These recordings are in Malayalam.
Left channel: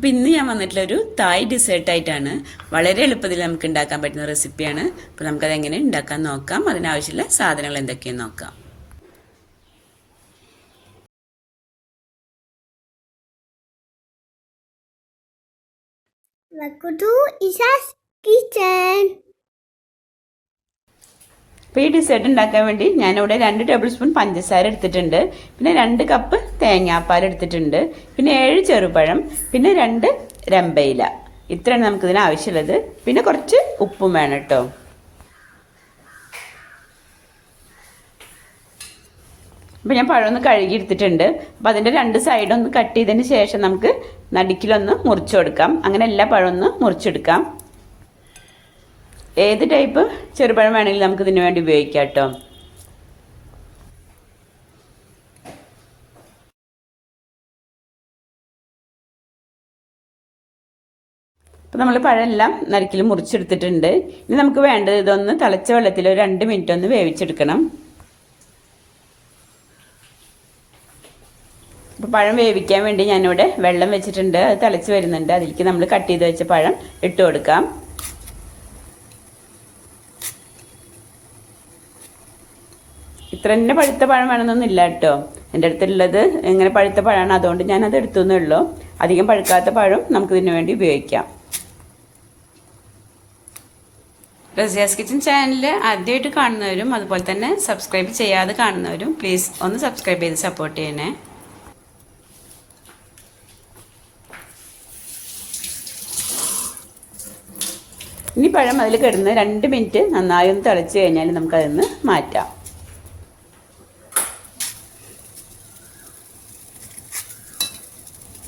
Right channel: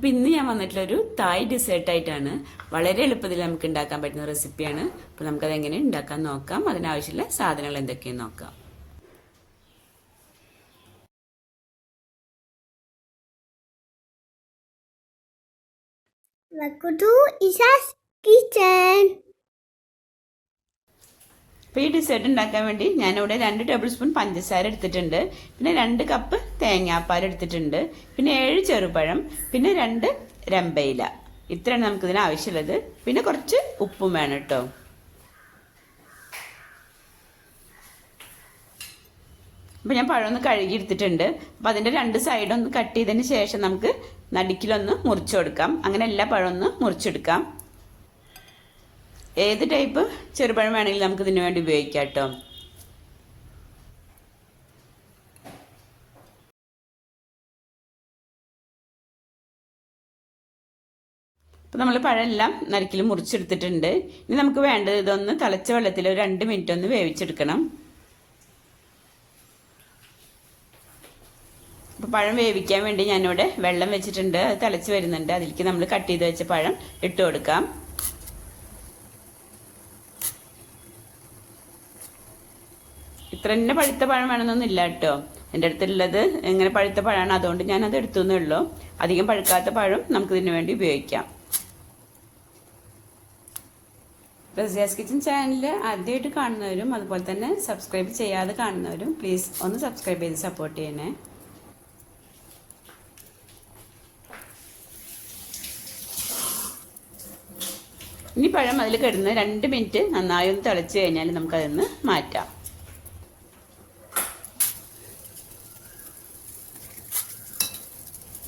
അപ്പോൾ ഇന്ന് ഞാൻ വന്നിട്ടുള്ള ഒരു തായ് ഡിസേർട്ടായിട്ടാണ് വളരെ എളുപ്പത്തിൽ നമുക്ക് ഉണ്ടാക്കാൻ പറ്റുന്ന റെസിപ്പിയാണ് അപ്പോൾ നമുക്കത് എങ്ങനെ ഉണ്ടാക്കാൻ നോക്കാം. അതിനാവശ്യമുള്ള സാധനങ്ങൾ എന്തൊക്കെയെന്ന് നോക്കാം. Welcome to Isa's Kitchen. അപ്പോൾ ഈ ഡിസേർട്ട് ഉണ്ടാക്കാൻ വേണ്ടി ഞാനിവിടെ രണ്ട് ടേബിൾ സ്പൂൺ പഞ്ചസാര എടുത്തിട്ടുണ്ട്. പിന്നെ രണ്ട് കപ്പ് തേങ്ങാപ്പാൽ എടുത്തിട്ടുണ്ട്. പിന്നെ ഏഴ് ചെറുപഴം. പിന്നെ രണ്ട് രമ്പയില. ഇത്രയാണ് നമുക്കിതിന് ആവശ്യമുള്ളത്. പിന്നെ കുറച്ച് ഉപ്പും വേണം കേട്ടോ. അപ്പോൾ ഞാൻ പഴം ഒന്ന് കഴുകി എടുത്തിട്ടുണ്ട്. അപ്പോൾ അതിന്റെ രണ്ട് സൈഡൊന്ന് കട്ട് ചെയ്തതിന് ശേഷം നമുക്ക് നടുക്കിലൊന്ന് മുറിച്ചു കൊടുക്കാം. അങ്ങനെ എല്ലാ പഴമൊന്ന് മുറിച്ചെടുക്കാം. ഏത് ടൈപ്പ് ചെറുപഴം വേണമെങ്കിലും നമുക്ക് ഇതിന് വേണ്ടി ഉപയോഗിക്കാം കേട്ടോ. അപ്പോൾ നമ്മൾ പഴമെല്ലാം നരക്കിൽ മുറിച്ചെടുത്തിട്ടുണ്ട്. ഇനി നമുക്ക് വേണ്ടത് ഇതൊന്ന് തിളച്ച വെള്ളത്തിൽ ഒരു രണ്ട് മിനിറ്റ് ഒന്ന് വേവിച്ചെടുക്കണം. അപ്പോൾ പഴം വേവിക്കാൻ വേണ്ടി ഞാനിവിടെ വെള്ളം വെച്ചിട്ടുണ്ട്. അത് തിളച്ച് വരുന്നുണ്ട്. അതിലേക്ക് നമ്മൾ കട്ട് ചെയ്ത് വെച്ച പഴം ഇട്ട് കൊടുക്കാം. ഇത്ര തന്നെ പഴുത്ത പഴം വേണമെന്നൊന്നും ഇല്ല കേട്ടോ. എന്റെ അടുത്തുള്ളത് ഇങ്ങനെ പഴുത്ത പഴമാണ്. അതുകൊണ്ട് ഞാൻ അത് എടുത്തു എന്നേ ഉള്ളൂ. അധികം പഴുക്കാത്ത പഴം നമുക്ക് ഇതിനു വേണ്ടി ഉപയോഗിക്കാം. റസിയാസ് കിച്ചൻ ചാനൽ ആദ്യമായിട്ട് കാണുന്നവരും അതുപോലെ തന്നെ സബ്സ്ക്രൈബ് ചെയ്യാതെ കാണുന്നവരും പ്ലീസ് ഒന്ന് സബ്സ്ക്രൈബ് ചെയ്ത് സപ്പോർട്ട് ചെയ്യണേ. ഇനി പഴം അതിൽ കിടന്ന് രണ്ട് മിനിറ്റ് നന്നായി ഒന്ന് തിളച്ച് കഴിഞ്ഞാൽ നമുക്കതിന്ന് മാറ്റാം.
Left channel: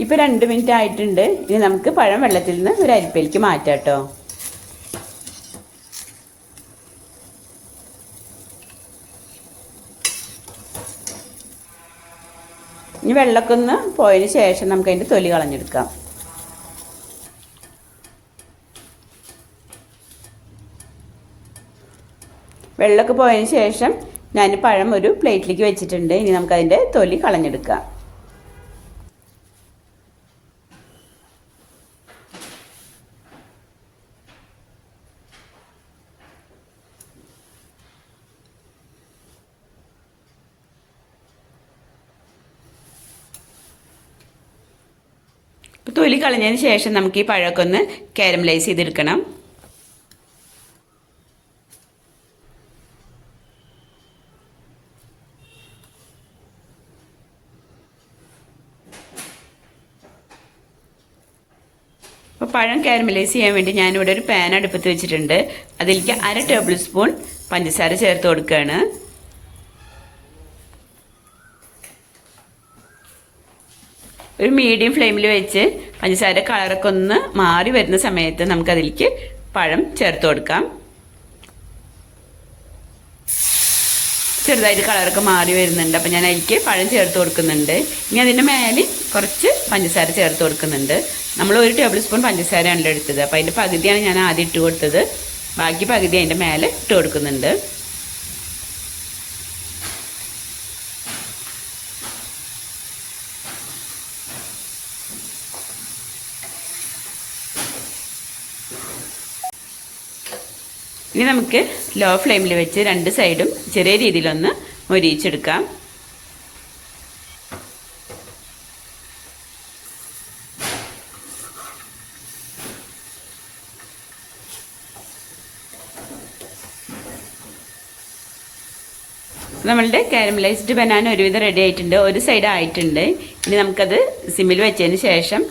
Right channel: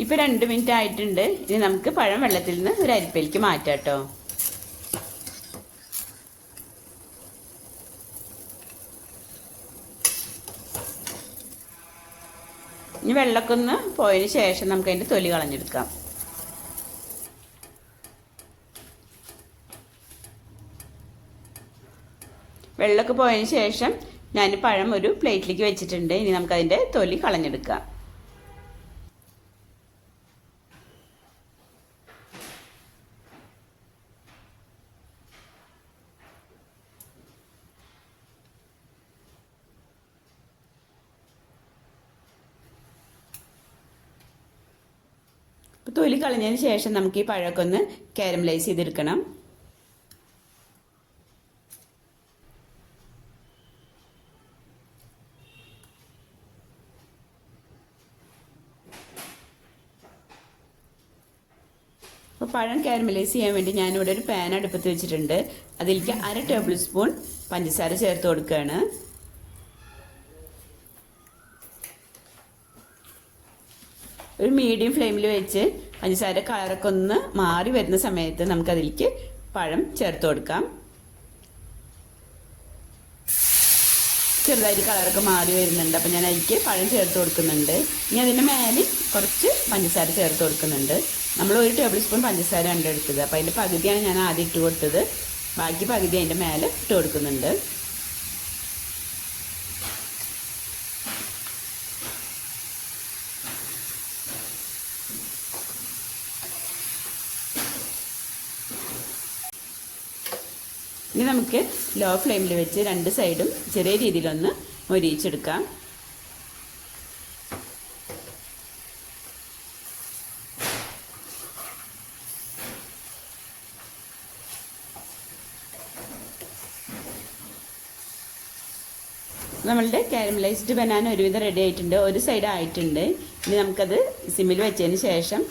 ഇപ്പം രണ്ട് മിനിറ്റ് ആയിട്ടുണ്ട്. ഇനി നമുക്ക് പഴം വെള്ളത്തിൽ നിന്ന് ഒരു അരിപ്പയിലേക്ക് മാറ്റാം കേട്ടോ. ഇനി വെള്ളമൊക്കെ ഒന്ന് പോയതിന് ശേഷം നമുക്ക് അതിന്റെ തൊലി കളഞ്ഞെടുക്കാം. വെള്ളമൊക്കെ പോയതിന് ശേഷം ഞാൻ പഴം ഒരു പ്ലേറ്റിലേക്ക് വെച്ചിട്ടുണ്ട്. ഇനി നമുക്കതിന്റെ തൊലി കളഞ്ഞെടുക്കാം. തൊലി കളഞ്ഞതിന് ശേഷം നമുക്ക് ഈ പഴമൊക്കെ ഒന്ന് കാരമലൈസ് ചെയ്തെടുക്കണം. അപ്പോൾ പഴം കാരമലൈസ് ചെയ്യാൻ വേണ്ടി ഞാനിവിടെ ഒരു പാൻ അടുപ്പത്ത് വെച്ചിട്ടുണ്ട്. അതിലേക്ക് അര ടേബിൾ സ്പൂൺ പഞ്ചസാര ചേർത്ത് കൊടുക്കുകയാണ്. ഒരു മീഡിയം ഫ്ലെയിമിൽ വെച്ച് പഞ്ചസാര കളറൊക്കെ ഒന്ന് മാറി വരുന്ന സമയത്ത് നമുക്കതിലേക്ക് പഴം ചേർത്ത് കൊടുക്കാം. ചെറുതായിട്ട് കളറൊക്കെ മാറി വരുന്നുണ്ട്. അപ്പം ഞാൻ അതിലേക്ക് പഴം ചേർത്ത് കൊടുക്കുന്നുണ്ട്. ഇനി അതിന്റെ മേലെ കുറച്ച് പഞ്ചസാര ചേർത്ത് കൊടുക്കുന്നുണ്ട്. നമ്മൾ ഒരു ടേബിൾ സ്പൂൺ പഞ്ചസാരയാണല്ലോ എടുത്തത്. അപ്പോൾ അതിന്റെ പകുതിയാണ് ഞാൻ ആദ്യം ഇട്ട് കൊടുത്തത്. ബാക്കി പകുതി അതിന്റെ മേലെ ഇട്ട് കൊടുക്കുന്നുണ്ട്. ഇനി നമുക്ക് ലോ ഫ്ലെയിമിൽ വെച്ച് രണ്ട് സൈഡും ചെറിയ രീതിയിലൊന്ന് മൊരിയിച്ചെടുക്കാം. നമ്മളുടെ കാരമലൈസ്ഡ് ബനാന ഒരുവിധം റെഡി ആയിട്ടുണ്ട്. ഒരു സൈഡ് ആയിട്ടുണ്ട്. ഇനി നമുക്കത് സിമ്മിൽ വെച്ചതിന് ശേഷം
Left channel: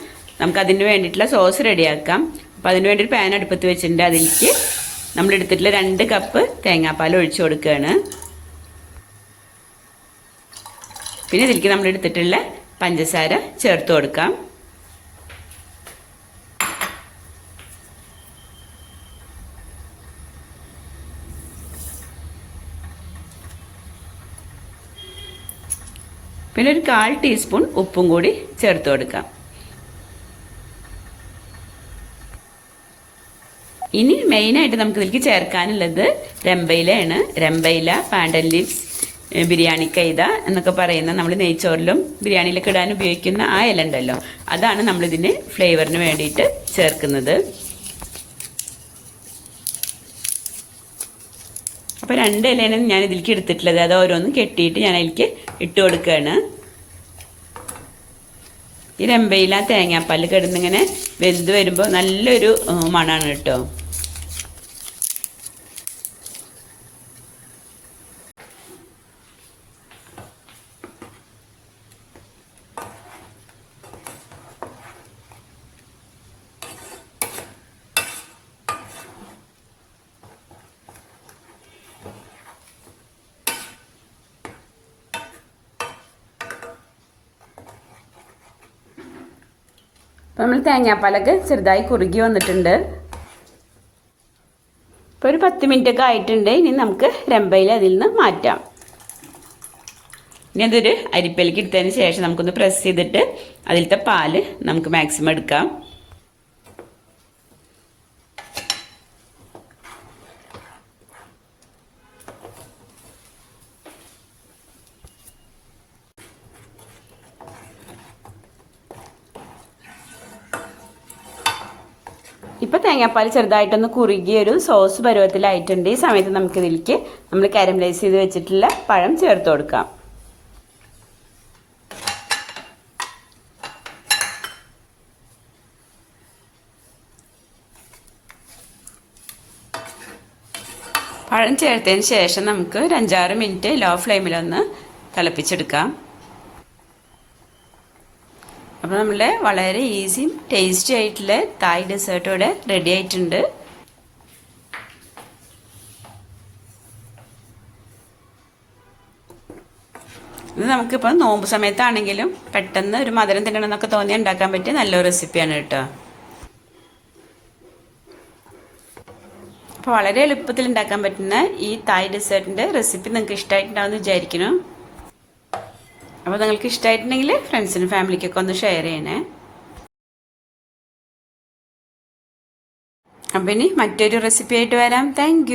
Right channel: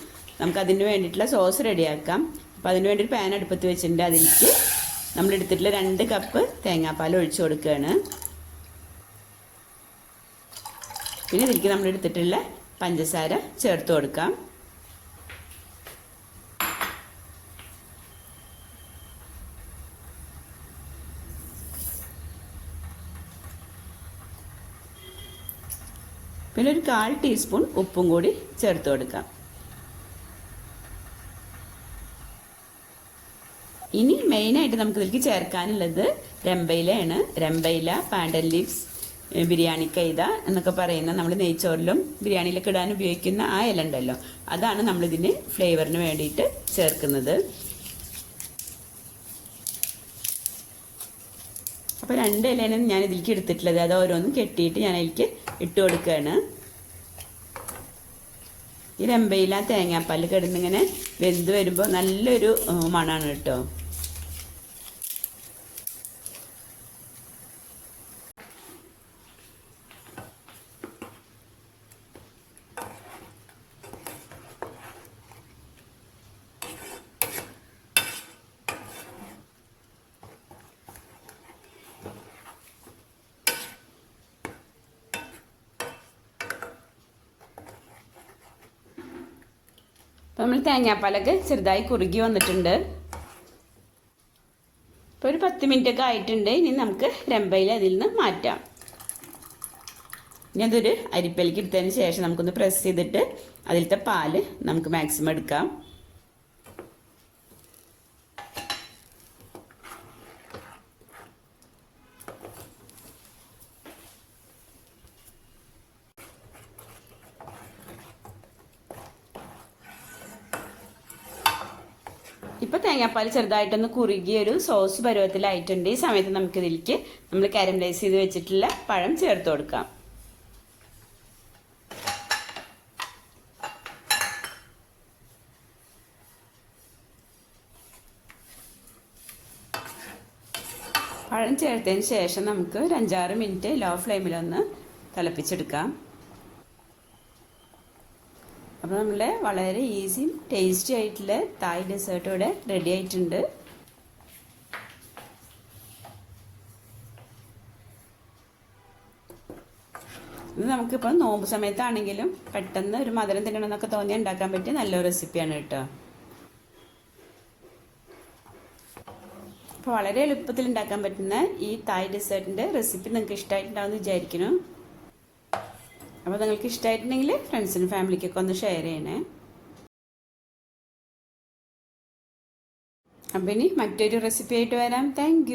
നമുക്കതിന് വേണ്ടിയിട്ടുള്ള സോസ് റെഡിയാക്കാം അപ്പോൾ അതിന് വേണ്ടി ഒരു പാൻ അടുപ്പത്ത് വെച്ചിട്ടുണ്ട്. അതിലേക്ക് നമ്മൾ എടുത്തിട്ടുള്ള രണ്ട് കപ്പ് തേങ്ങാപ്പാൽ ഒഴിച്ചു കൊടുക്കുകയാണ്. പിന്നെ ഇതിലേക്ക് നമ്മൾ എടുത്തിട്ടുള്ള പഞ്ചസാര ചേർത്ത് കൊടുക്കാം. പിന്നെ ഒരു കാൽ ടീസ്പൂൺ ഉപ്പും കൂടി ചേർത്ത് കൊടുക്കാം. ഇനി മെയിനായിട്ട് നമുക്ക് ഇതിലേക്ക് ചേർക്കാനുള്ളത് രമ്പയിലയാണ്. രമ്പയില പാൻഡൻ ലീവ്സ് ബിരിയാണി കൈത എന്നൊക്കെ പറയുന്ന നമ്മൾ നെയ്ച്ചോറിലും ബിരിയാണിയിലൊക്കെ ഇടാൻ ഉപയോഗിക്കുന്ന ആ ഇല ഉണ്ടല്ലോ. അതാണ് നമ്മളിതിന് ഫ്ലേവറിന് വേണ്ടിയിട്ട് ചേർക്കുന്നത്. അപ്പോൾ രണ്ട് ഇലയാണ് ഞാൻ ഇതിലേക്ക് എടുത്തിട്ടുള്ളത്. അത് ഓരോന്നും കെട്ടിയിട്ട് ഞാൻ അതിലേക്ക് ഇട്ട് കൊടുക്കുകയാണ്. ഈ രമ്പയില തേങ്ങാപ്പാൽ കിടന്നിങ്ങനെ വെന്ത് വരുമ്പോൾ നല്ലൊരു മണമാണ് കേട്ടോ. നമ്മൾ തേങ്ങാപ്പാലൊക്കെ ചെറുതായി കുറുകി വന്നിട്ടുണ്ട്. ഇപ്പോൾ ഒരു പത്ത് മിനിറ്റ് ഒക്കെ ആയിട്ടുണ്ട്. ഇനി നമുക്ക് രമ്പയിൽ അതിൽ നിന്ന് മാറ്റാം. ഇനി അതൊരു അരിപ്പയിലേക്ക് എടുത്തതിന് ശേഷം നമുക്കൊന്ന് പ്രസ് ചെയ്തിട്ട് അതിലത്തെ പാൽ നമുക്ക് മാക്സിമം എടുക്കാം. ഇപ്പോൾ തേങ്ങാപ്പാൽ ചെറുതായിട്ടൊന്ന് കുറുകിയ ഒരു സോസ് പരുവത്തിലായിട്ടുണ്ട്. ഈ സമയത്ത് നമുക്ക് ഇതിലേക്ക് നമ്മൾ കാരമലൈസ് ചെയ്ത് വെച്ചിട്ടുള്ള പഴം ചേർത്ത് കൊടുക്കാം. പഴം ചേർത്തതിന് ശേഷം നമുക്ക് ഒരു അഞ്ചാറ് മിനിറ്റ് ലോ ഫ്ലെയിമിലൊന്ന് തിളപ്പിച്ചെടുക്കാം. അപ്പോൾ നമ്മളെ വളരെ ഈസിയും ടേസ്റ്റി ആയിട്ടുള്ള തായ് ഡെസേർട്ട് ഇവിടെ റെഡി ആയിട്ടുണ്ട്. ഇത് നമുക്കിപ്പോൾ നോമ്പ് സമയത്താണെങ്കിലും പെട്ടെന്ന് ഒരു മധുരം തിന്നണമെന്നൊക്കെ തോന്നി ഉണ്ടാക്കാൻ പറ്റിയ നല്ലൊരു റെസിപ്പിയാണ് കേട്ടോ. അപ്പോൾ വളരെ എളുപ്പത്തിൽ ഉണ്ടാക്കാൻ പറ്റുന്ന ഈ തായ് ഡെസേർട്ടിന്റെ റെസിപ്പി നിങ്ങൾക്ക് ഇഷ്ടമായിട്ടുണ്ടാവുമെന്ന് വിചാരിക്കുന്നു. അപ്പോൾ നിങ്ങൾക്ക് ഇഷ്ടമായിട്ടുണ്ടെങ്കിൽ ഫ്രണ്ട്സിനും ഫാമിലിക്കൊക്കെ ഒന്ന് ഷെയർ ചെയ്യണേ. അപ്പം ഇനി മറ്റൊരു റെസിപ്പി ആയിട്ട് വരാം. താങ്ക്